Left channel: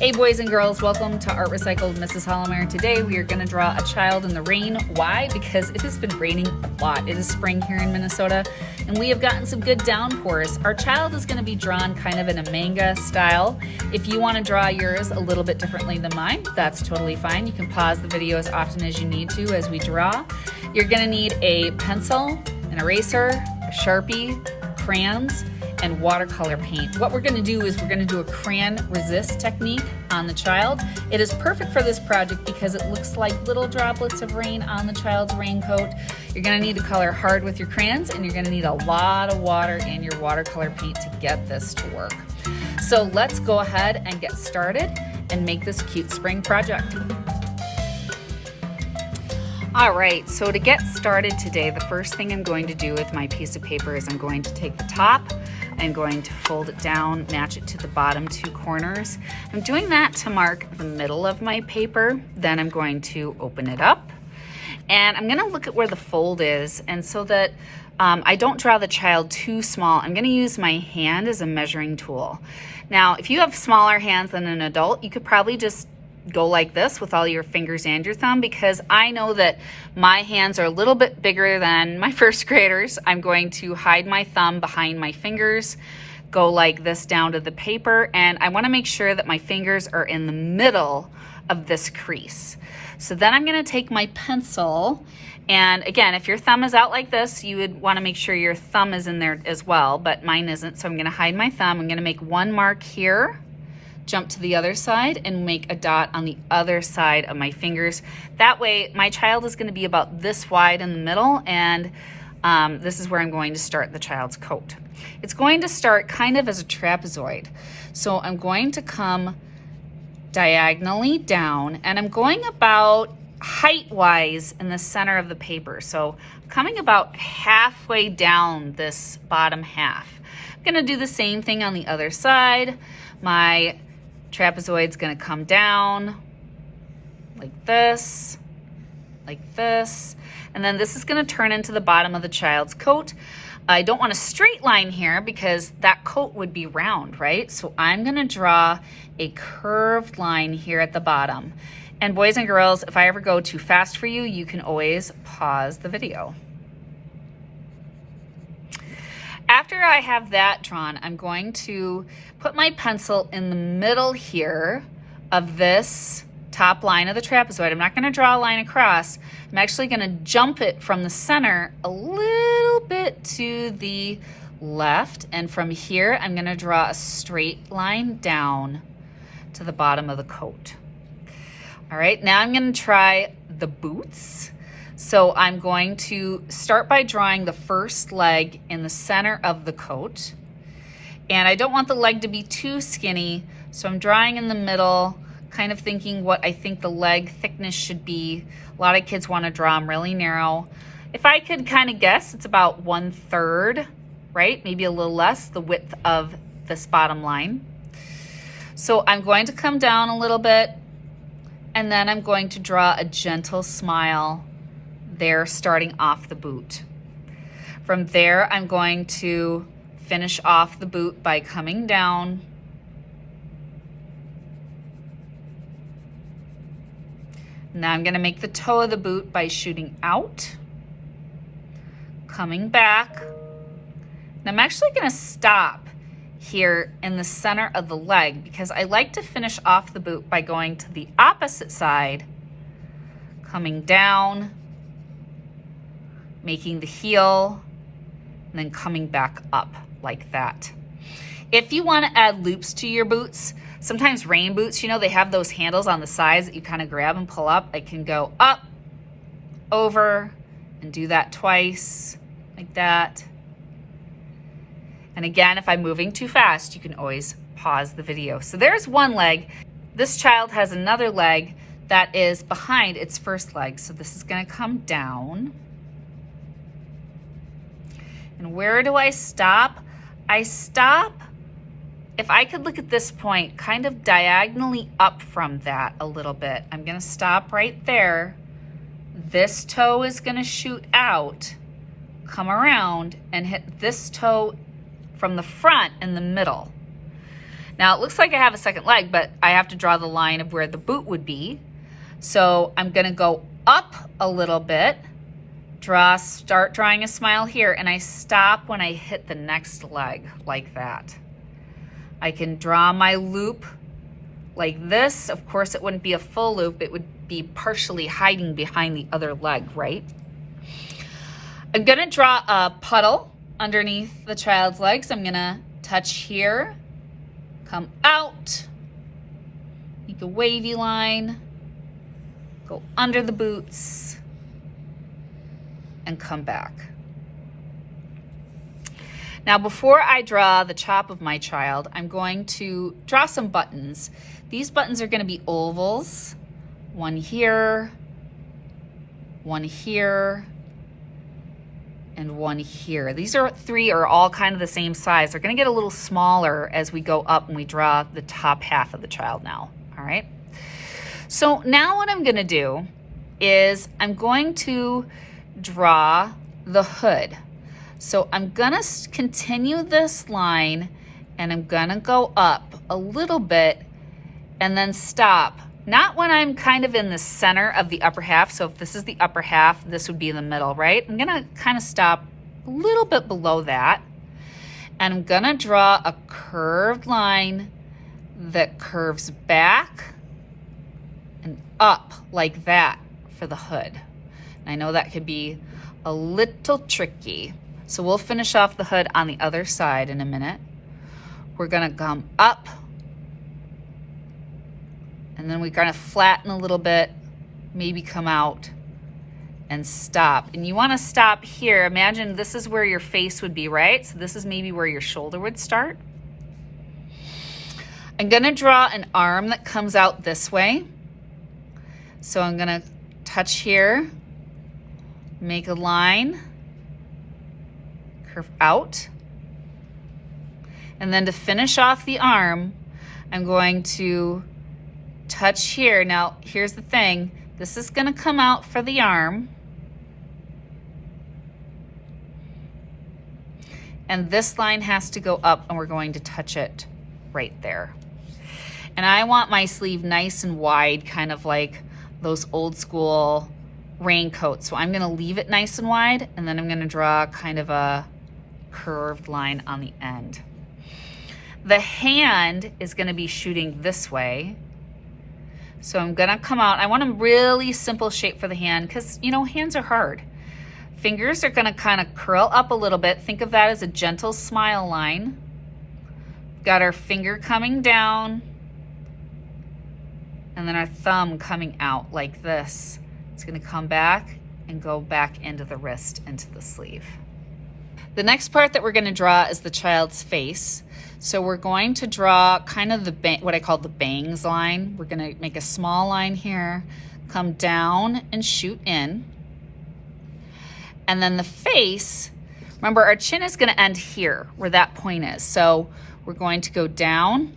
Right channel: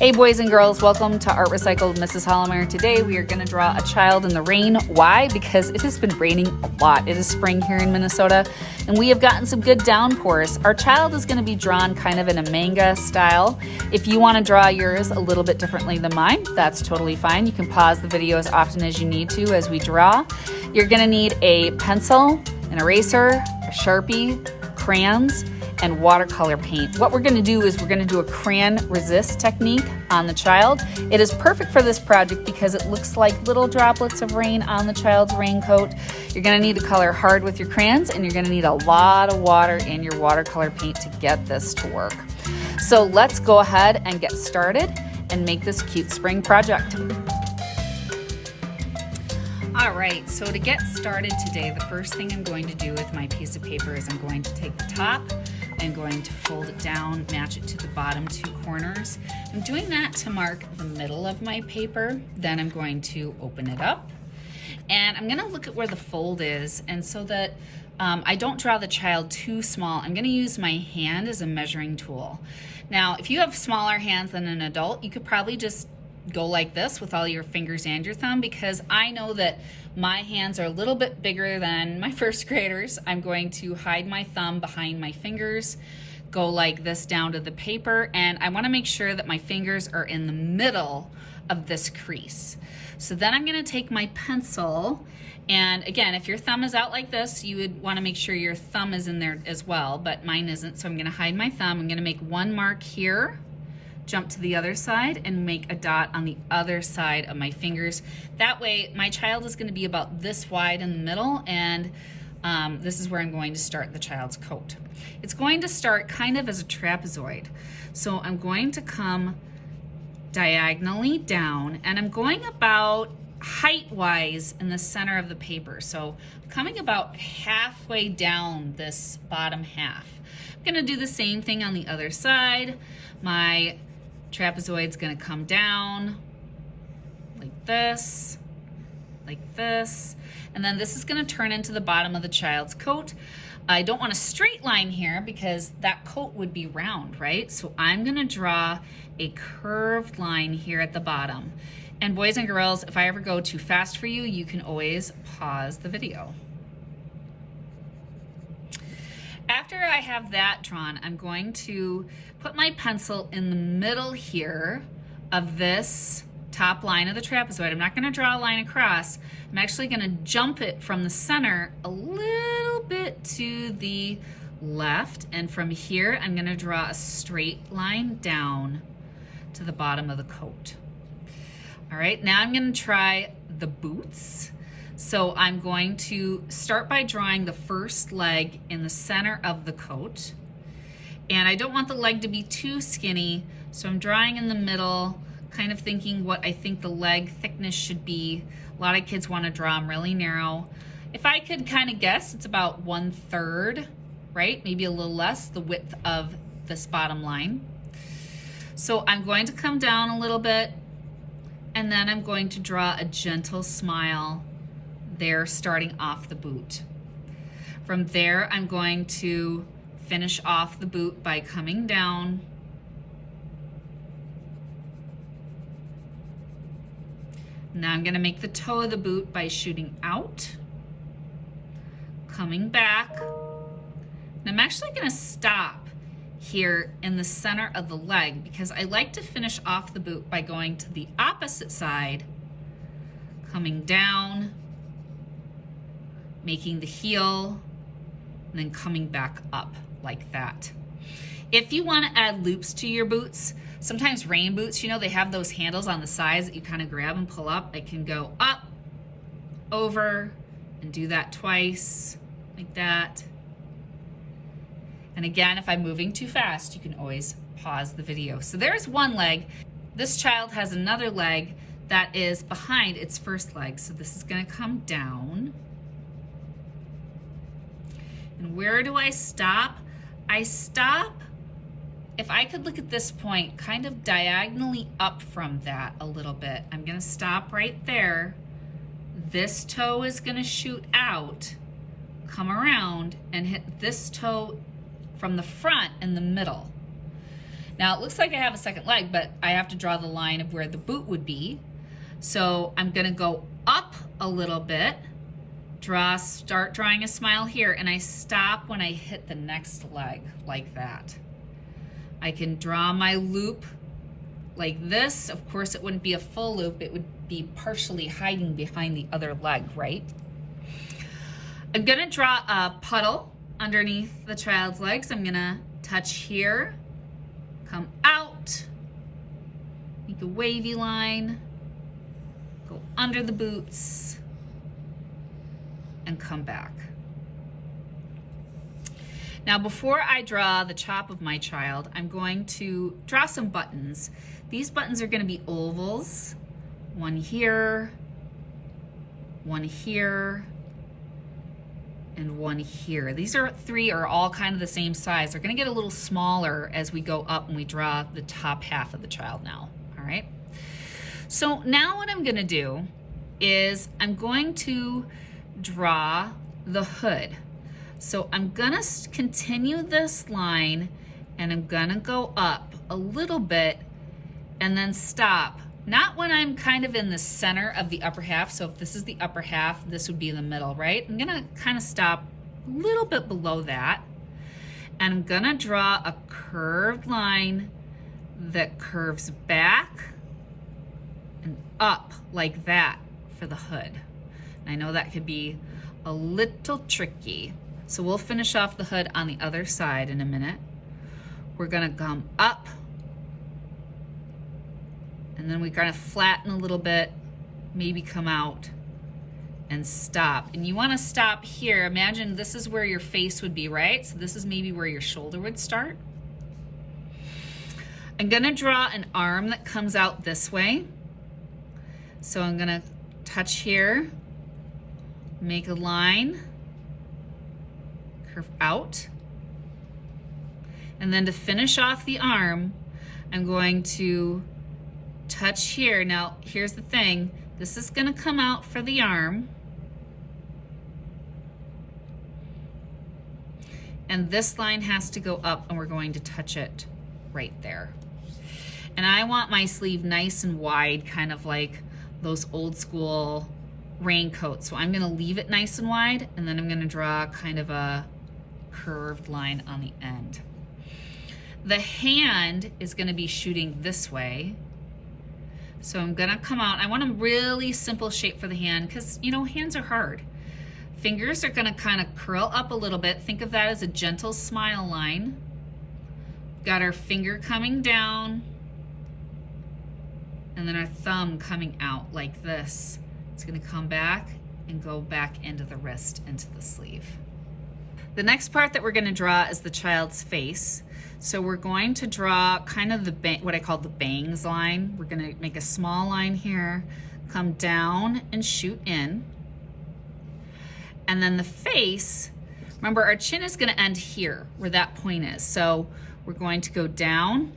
Hey boys and girls, welcome to Art Recycled with Mrs. Hollomeyer. Today we are going to draw a child in the rain. Why? Because it has been raining a lot. It is spring here in Minnesota and we have gotten some good downpours. Our child is going to be drawn kind of in a manga style. If you want to draw yours a little bit differently than mine, that's totally fine. You can pause the video as often as you need to as we draw. You're going to need a pencil, an eraser, a Sharpie, crayons, and watercolor paint. What we're gonna do is we're gonna do a crayon resist technique on the child. It is perfect for this project because it looks like little droplets of rain on the child's raincoat. You're gonna need to color hard with your crayons and you're gonna need a lot of water in your watercolor paint to get this to work. So let's go ahead and get started and make this cute spring project. All right, so to get started today, the first thing I'm going to do with my piece of paper is I'm going to take the top, I'm going to fold it down, match it to the bottom two corners. I'm doing that to mark the middle of my paper. Then I'm going to open it up and I'm gonna look at where the fold is. And so that I don't draw the child too small, I'm gonna use my hand as a measuring tool. Now, if you have smaller hands than an adult, you could probably just go like this with all your fingers and your thumb, because I know that my hands are a little bit bigger than my first graders. I'm going to hide my thumb behind my fingers, go like this down to the paper, and I want to make sure that my fingers are in the middle of this crease. So then I'm going to take my pencil, and again, if your thumb is out like this, you would want to make sure your thumb is in there as well, but mine isn't, so I'm going to hide my thumb. I'm going to make one mark here, jump to the other side and make a dot on the other side of my fingers. That way my child is going to be about this wide in the middle, and this is where I'm going to start the child's coat. It's going to start kind of as a trapezoid. So I'm going to come diagonally down and I'm going about height-wise in the center of the paper. So I'm coming about halfway down this bottom half. I'm going to do the same thing on the other side. My trapezoid's gonna come down like this, and then this is gonna turn into the bottom of the child's coat. I don't want a straight line here because that coat would be round, right? So I'm gonna draw a curved line here at the bottom. And boys and girls, if I ever go too fast for you, you can always pause the video. After I have that drawn, I'm going to put my pencil in the middle here of this top line of the trapezoid. I'm not going to draw a line across. I'm actually going to jump it from the center a little bit to the left. And from here, I'm going to draw a straight line down to the bottom of the coat. All right, now I'm going to try the boots. So I'm going to start by drawing the first leg in the center of the coat. And I don't want the leg to be too skinny, so I'm drawing in the middle, kind of thinking what I think the leg thickness should be. A lot of kids want to draw them really narrow. If I could kind of guess, it's about 1/3, right? Maybe a little less, the width of this bottom line. So I'm going to come down a little bit, and then I'm going to draw a gentle smile there starting off the boot. From there, I'm going to finish off the boot by coming down. Now I'm going to make the toe of the boot by shooting out, coming back. And I'm actually going to stop here in the center of the leg because I like to finish off the boot by going to the opposite side, coming down, making the heel, and then coming back up like that. If you want to add loops to your boots, sometimes rain boots, you know, they have those handles on the sides that you kind of grab and pull up. I can go up, over, and do that twice, like that. And again, if I'm moving too fast, you can always pause the video. So there's one leg. This child has another leg that is behind its first leg. So this is going to come down. And where do I stop? I stop, if I could look at this point, kind of diagonally up from that a little bit. I'm gonna stop right there. This toe is gonna shoot out, come around, and hit this toe from the front in the middle. Now it looks like I have a second leg, but I have to draw the line of where the boot would be. So I'm gonna go up a little bit, start drawing a smile here, and I stop when I hit the next leg, like that. I can draw my loop like this. Of course, it wouldn't be a full loop, it would be partially hiding behind the other leg, right? I'm gonna draw a puddle underneath the child's legs. I'm gonna touch here, come out, make a wavy line, go under the boots, and come back. Now, before I draw the chop of my child, I'm going to draw some buttons. These buttons are gonna be ovals, one here, one here, and one here. These three are all kind of the same size. They're gonna get a little smaller as we go up and we draw the top half of the child now, all right? So now what I'm gonna do is I'm going to draw the hood. So I'm gonna continue this line and I'm gonna go up a little bit and then stop. Not when I'm kind of in the center of the upper half. So if this is the upper half, this would be in the middle, right? I'm gonna kind of stop a little bit below that. And I'm gonna draw a curved line that curves back and up like that for the hood. And I know that could be a little tricky. So we'll finish off the hood on the other side in a minute. We're gonna come up, and then we're gonna flatten a little bit, maybe come out and stop. And you wanna stop here. Imagine this is where your face would be, right? So this is maybe where your shoulder would start. I'm gonna draw an arm that comes out this way. So I'm gonna touch here, make a line, curve out. And then to finish off the arm, I'm going to touch here. Now, here's the thing. This is gonna come out for the arm. And this line has to go up and we're going to touch it right there. And I want my sleeve nice and wide, kind of like those old school raincoats. So I'm gonna leave it nice and wide, and then I'm gonna draw kind of a curved line on the end. The hand is gonna be shooting this way. So I'm gonna come out. I want a really simple shape for the hand because, you know, hands are hard. Fingers are gonna kind of curl up a little bit. Think of that as a gentle smile line. Got our finger coming down, and then our thumb coming out like this. It's gonna come back and go back into the wrist, into the sleeve. The next part that we're gonna draw is the child's face. So we're going to draw kind of what I call the bangs line. We're gonna make a small line here, come down and shoot in. And then the face, remember our chin is gonna end here where that point is. So we're going to go down,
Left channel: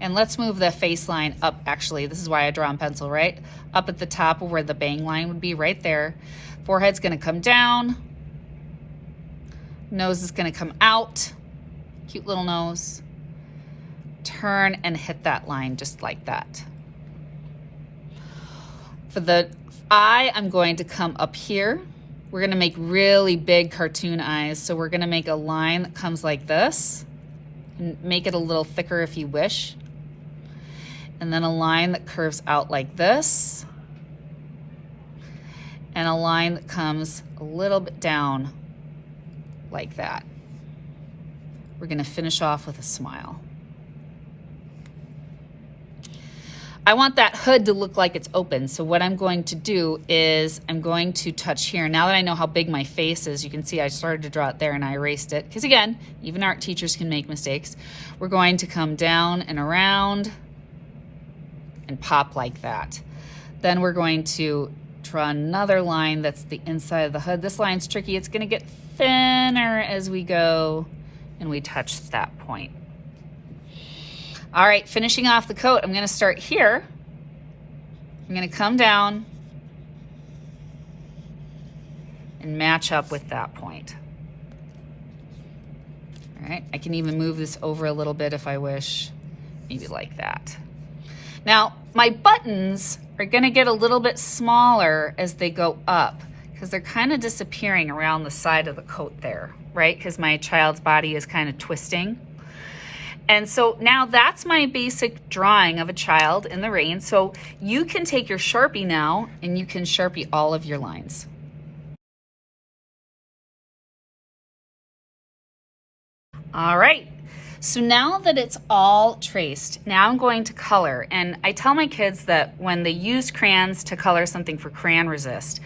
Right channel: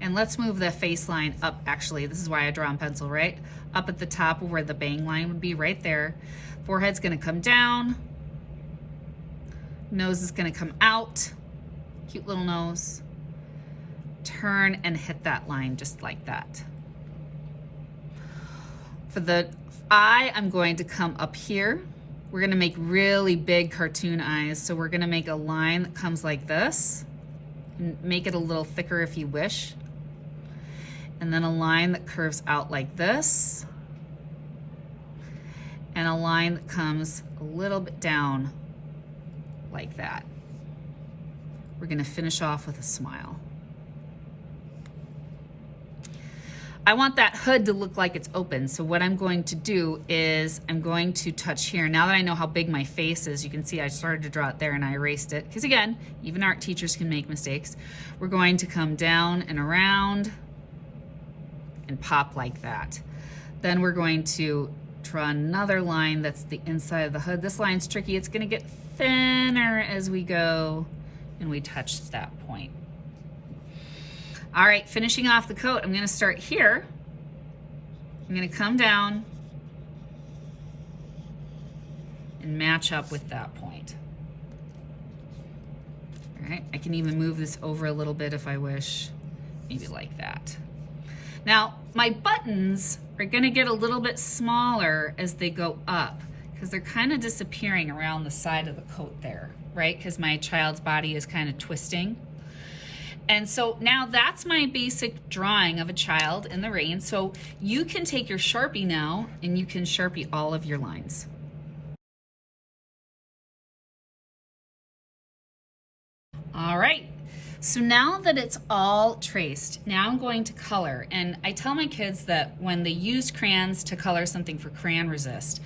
and let's move the face line up. Actually, this is why I draw in pencil, right? Up at the top of where the bang line would be, right there. Forehead's gonna come down. Nose is gonna come out. Cute little nose. Turn and hit that line just like that. For the eye, I'm going to come up here. We're gonna make really big cartoon eyes. So we're gonna make a line that comes like this, and make it a little thicker if you wish. And then a line that curves out like this. And a line that comes a little bit down like that. We're gonna finish off with a smile. I want that hood to look like it's open. So what I'm going to do is I'm going to touch here. Now that I know how big my face is, you can see I started to draw it there and I erased it. Because again, even art teachers can make mistakes. We're going to come down and around and pop like that. Then we're going to draw another line that's the inside of the hood. This line's tricky. It's gonna get thinner as we go and we touch that point. All right, finishing off the coat, I'm gonna start here. I'm gonna come down and match up with that point. All All right, I can even move this over a little bit if I wish, maybe like that. Now, my buttons are gonna get a little bit smaller as they go up because they're kind of disappearing around the side of the coat there, right? Because my child's body is kind of twisting. And so now that's my basic drawing of a child in the rain. So you can take your Sharpie now and you can Sharpie all of your lines. All right, so now that it's all traced, now I'm going to color. And I tell my kids that when they use crayons to color something for crayon resist,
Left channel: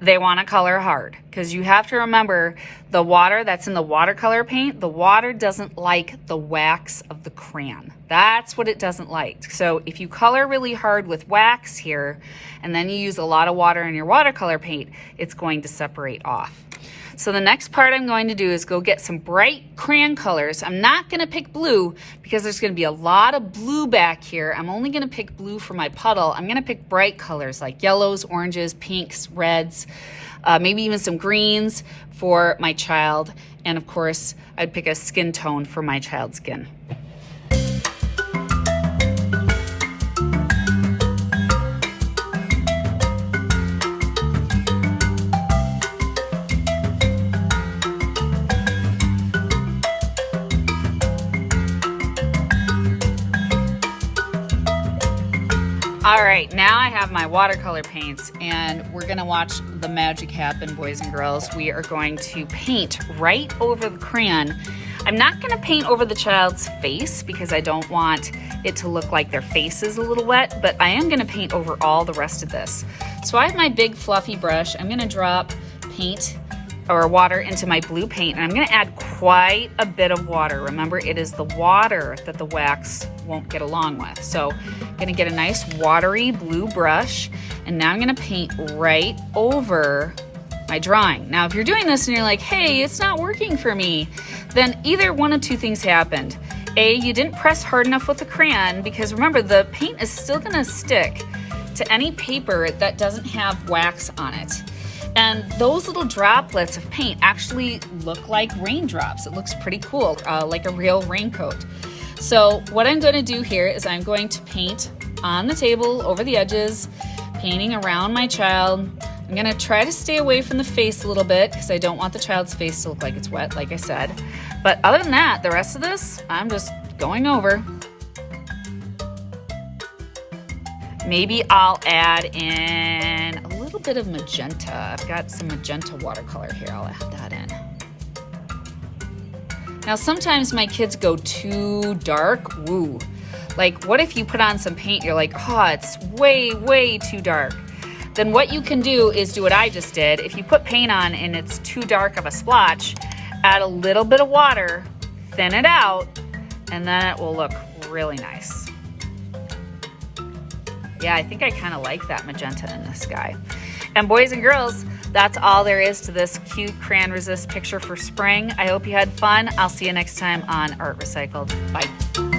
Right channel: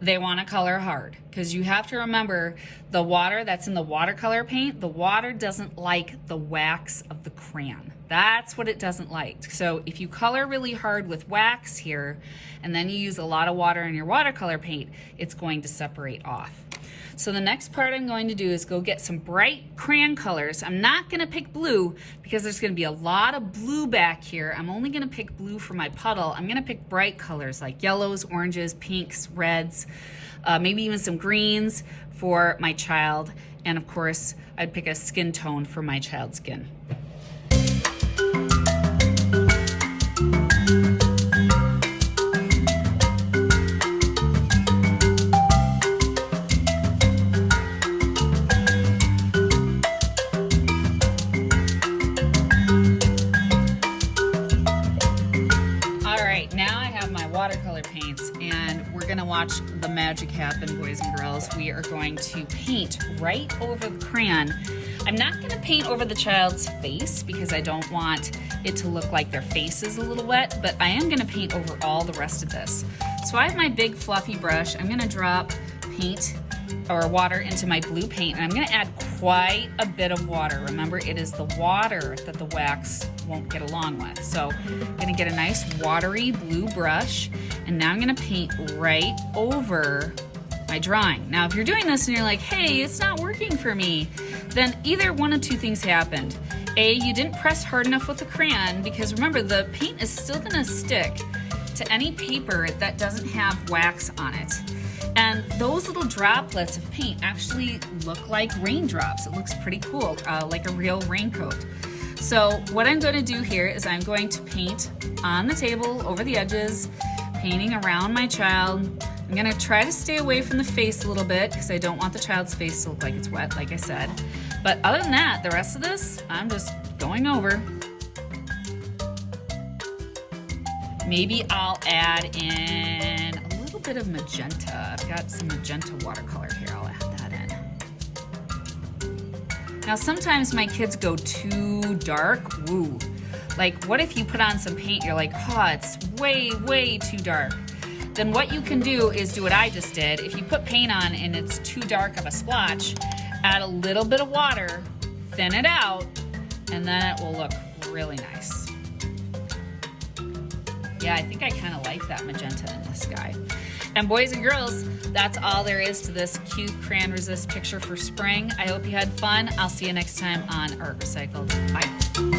they want to color hard, because you have to remember the water that's in the watercolor paint, the water doesn't like the wax of the crayon. That's what it doesn't like. So if you color really hard with wax here, and then you use a lot of water in your watercolor paint, it's going to separate off. So the next part I'm going to do is go get some bright crayon colors. I'm not gonna pick blue because there's gonna be a lot of blue back here. I'm only gonna pick blue for my puddle. I'm gonna pick bright colors like yellows, oranges, pinks, reds, maybe even some greens for my child. And of course, I'd pick a skin tone for my child's skin. Now I have my watercolor paints and we're gonna watch the magic happen, boys and girls. We are going to paint right over the crayon. I'm not gonna paint over the child's face because I don't want it to look like their face is a little wet, but I am gonna paint over all the rest of this. So I have my big fluffy brush. I'm gonna drop paint or water into my blue paint, and I'm gonna add quite a bit of water. Remember, it is the water that the wax won't get along with. So I'm gonna get a nice watery blue brush, and now I'm gonna paint right over my drawing. Now, if you're doing this and you're like, hey, it's not working for me, then either one of two things happened. A, you didn't press hard enough with the crayon, because remember, the paint is still gonna stick to any paper that doesn't have wax on it. And those little droplets of paint actually look like raindrops. It looks pretty cool, like a real raincoat. So what I'm going to do here is I'm going to paint on the table over the edges, painting around my child. I'm going to try to stay away from the face a little bit because I don't want the child's face to look like it's wet, like I said. But other than that, the rest of this, I'm just going over. Maybe I'll add in a little bit of magenta. I've got some magenta watercolor here. I'll add that in. Now, sometimes my kids go too dark. Woo. Like, what if you put on some paint, you're like, oh, it's way, way too dark. Then what you can do is do what I just did. If you put paint on and it's too dark of a splotch, add a little bit of water, thin it out, and then it will look really nice. Yeah, I think I kind of like that magenta in this guy. And boys and girls, that's all there is to this cute crayon resist picture for spring. I hope you had fun. I'll see you next time on Art Recycled. Bye.